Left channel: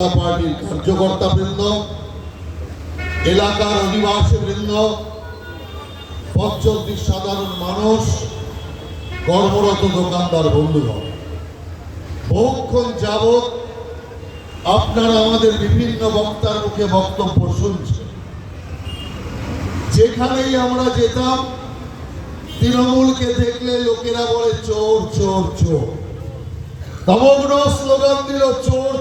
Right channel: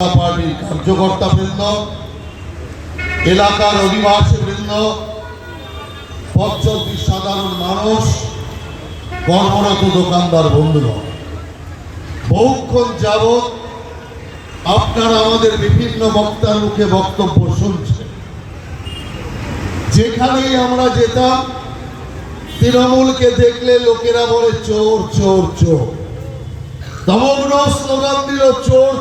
পার্টির কার্যকর্তা বৃন্দ এলাকার অধিবাসী বৃন্দ সাধারণ মানুষ, কর্মরত দোকানদার বহুক্ষণ যাবৎ আপনারা আমাদের বিভিন্ন বক্তার মুখে বক্তব্য শুনছেন। যেখানেই আমরা যেতাম, তৃণমূলকে দেখলে লোকেরা বলে, চোর চোর চোর। সমগ্র স্লোগান দিল, চোর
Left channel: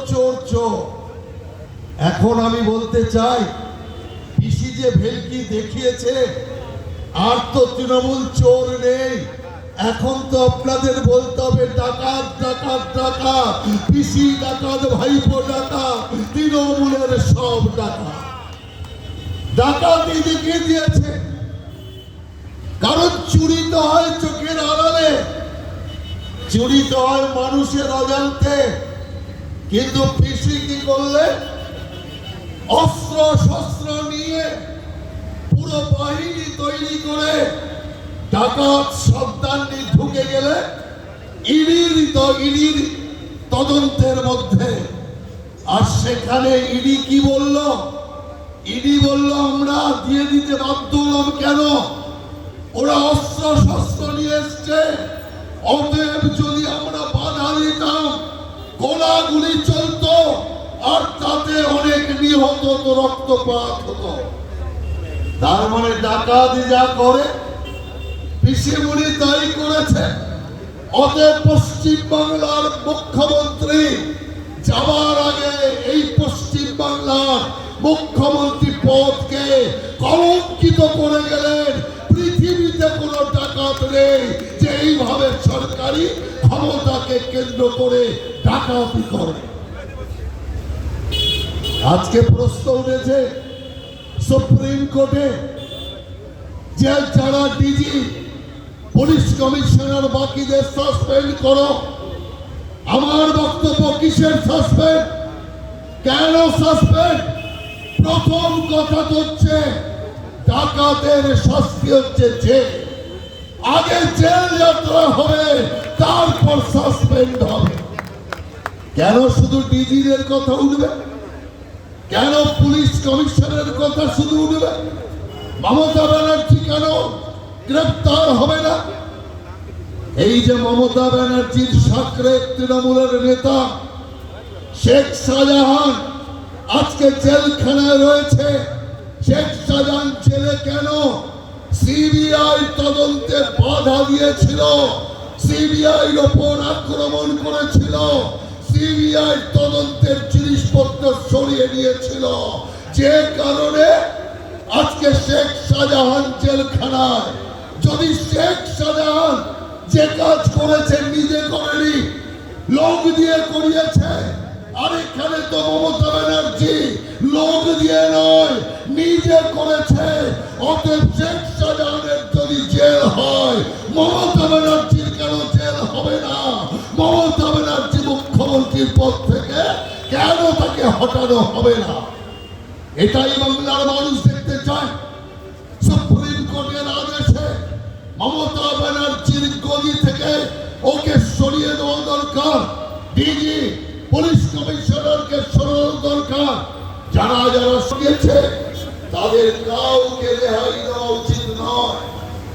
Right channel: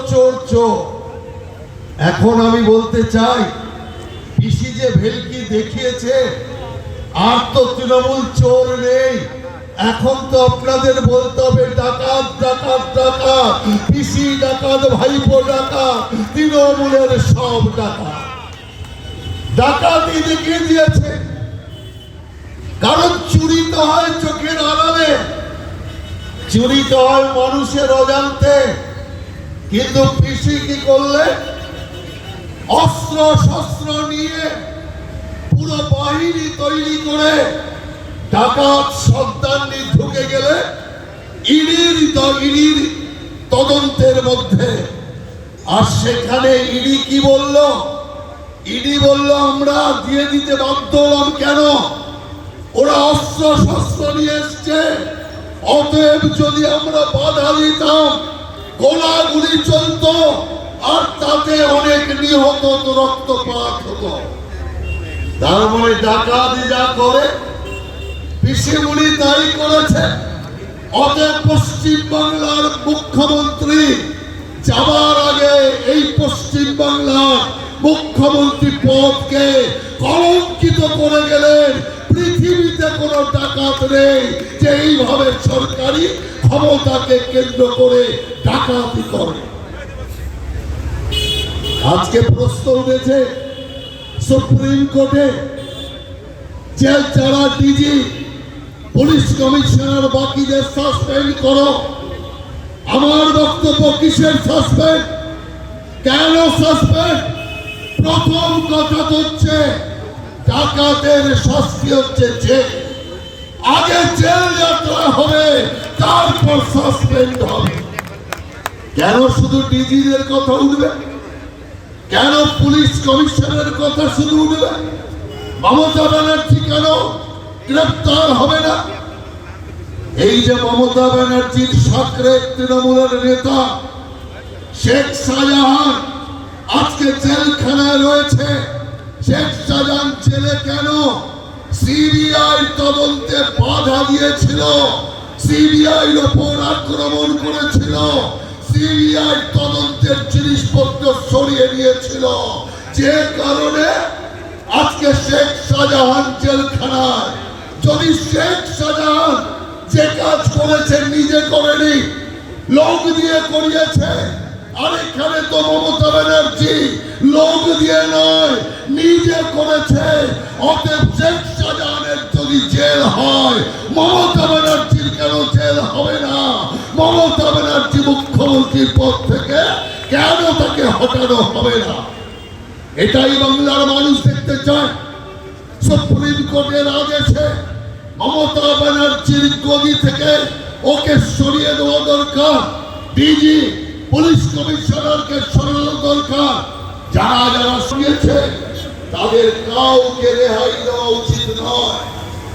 এখন আমি বলতে চাই, পিসি যে ভেলকি দেখিয়েছে, আর তো তৃণমূল চোর নেই। এখন তো আপনাদের বলতে হবে, ডাকাত ডাকাত ডাকাত, পিসি ডাকাত, ভাইপো ডাকাত, তৃণমূলের সব ডাকাত। ডাকাতি দেখিয়ে দিয়েছে। কারণ চুরি তো হয় চোখের আড়ালে। চুরি তো হয় মানুষের অজান্তে। কিন্তু কৃষি কি করলে? অস্ত্র শস্ত্র নিয়ে পুরো বাহিনী তৈরি করে ডাকাত সন্তান ঢুকে গেলে ইডির ইডির তদন্তের মধ্যে। আর সেখানে ইডি কি বলল? ইডি বলল, আমরা দিয়ে দিতে বাধ্য হলাম কেন? ওরা অস্ত্র শস্ত্র নিয়ে এসছে। অতএব যদি আমরা বাধা দিতাম, গোলাগুলি চলতো, আর তাতে অনেক নিহত হতো, রক্তপাত হতো তার ডাকাতি যা করে পিসিমুনি তাই করেছে। অতএব মুখ্যমন্ত্রী যাওয়ার আগে এই মুখ্যমন্ত্রী পদকে কলঙ্কিত করে গেলেন পৃথিবীতে কোনো ডাকাত নেই যে এইভাবে সরকারি ক্ষমতাকে কেন্দ্র করে ডাকাতি করে আজকে প্রশ্ন উঠেছে, সুপ্রিম কোর্টে যে যারা ডিজি পুলিশ কমিশনার বাকিদের সাসপেন্ড করো। আমার বক্তব্য কিসের সাসপেন্ড কেন সাসপেন্ড প্রথম কথা হচ্ছে, ডাকাতের শাস্তি হচ্ছে জেল। আগে জেল যাত্রা হবে, তারপর সাসপেন্ড হবে। কেন শুধু ডিজিদের কথা উঠবে? কেন পুলিশ কমিশনারের কথা শুধু উঠবে? মমতা ব্যানার্জি কেন গ্রেপ্তার হবে না? এই যে মমতা ব্যানার্জির সাকরে তৃণমূলের নেতা শেখ শাহজাহান আজকে জেলখানায় রয়েছে। শেখ শাহজাহান জেলে কেন সিবিআই তদন্তে বাধা দিয়েছিল? সিবিআই ওপর আক্রমণ করেছিল। সিবিআই তদন্তের জিনিসপত্র সরিয়ে নিয়েছিল যে কারণে আজকে শেখ শাহজাহান জেলখানায়, যদি শেখ শাহজাহান যে কাজ করেছে নিজে করেনি, লোক দিয়ে করিয়েছে তো মমতা ব্যানার্জি লোক দিয়ে নয়, নিজে করেছে। অতএব শেখ শাহজাহানের যদি জেল হয়, মমতা ব্যানার্জির কেন জেল হবে না? মমতা ব্যানার্জি মুখ্যমন্ত্রীর পদ থেকে কেন তাকে হটানো হবে না। এটাই বাংলার মানুষ দেখতে চায়। সুপ্রিম কোর্টের আদেশে মমতা ব্যানার্জির গদি থেকে ওকে সরিয়ে দেওয়া দরকার। ডিজি পুলিশ কমিশনারকে সরানো দরকার। যারা যারা তাদের কাউকে রেহাই দেওয়া উচিত নয়।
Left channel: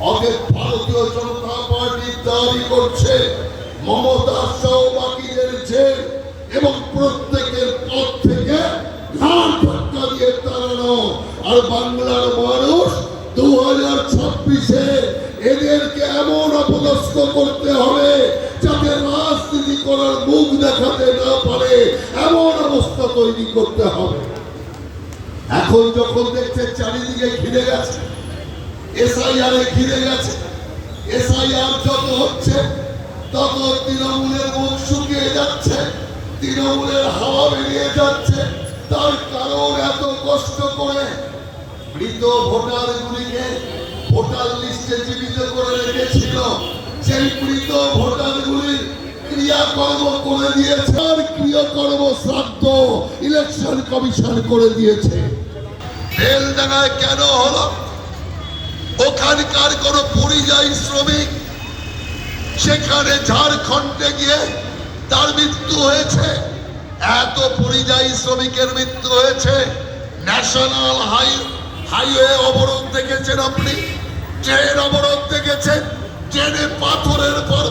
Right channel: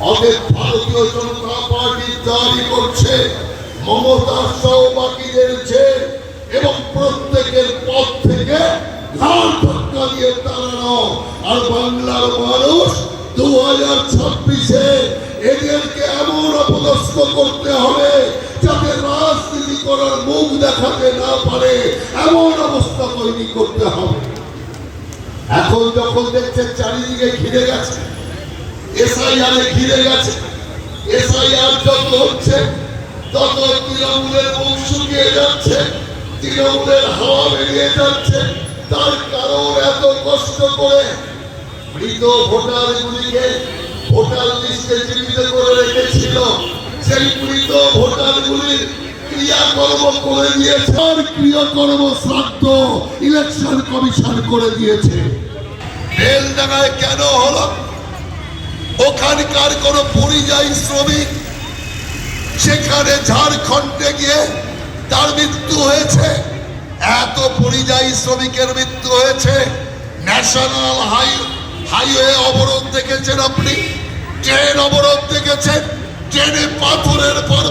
অতএব ভারতীয় জনতা পার্টি দাবি করছে, মমতা সহ বাকিদের এবং প্রত্যেকের পথ থেকে আর বাংলার মানুষ দু হাজার ছাব্বিশে এদেরকে এমন করতে হবে যাতে রাজনীতি করার মুখ দেখাতে না পারে, এমন অবস্থা তৈরি করতে হবে। এখন যখন দেখছে চারিদিকে ঘিরে গেছে, এসআইআর ঘিরে গেছে, এসআইআর যত হচ্ছে, তত তৃণমূলের মুখ শুকিয়ে যাচ্ছে। তৃণমূলের হাওয়া বেরিয়ে যাচ্ছে। তার কারণ এত কষ্ট করে মৃত ভোটারগুলিকে ভোটার লিস্টে জীবিত করে রেখেছিল। সেই মৃত ভোটারগুলির ক্রিয়াকর্ম করে ক্রিয়াকর্ম ইলেকশন কমিশন করে দিয়েছে। কেন হলো? ওখানকার কোন পরিযায়ী শ্রমিক সেখানে ঝাড়খণ্ডে গিয়ে তার মৃত্যু হয়েছে। এত পরিযায়ী শ্রমিকের মৃত্যু হয়েছে। ন্যাশনাল হাই, হাইওয়ে অবরোধ দেখেছেন আপনি? ট্রেন অবরোধ দেখেছেন? ট্রেনে পাথরের পর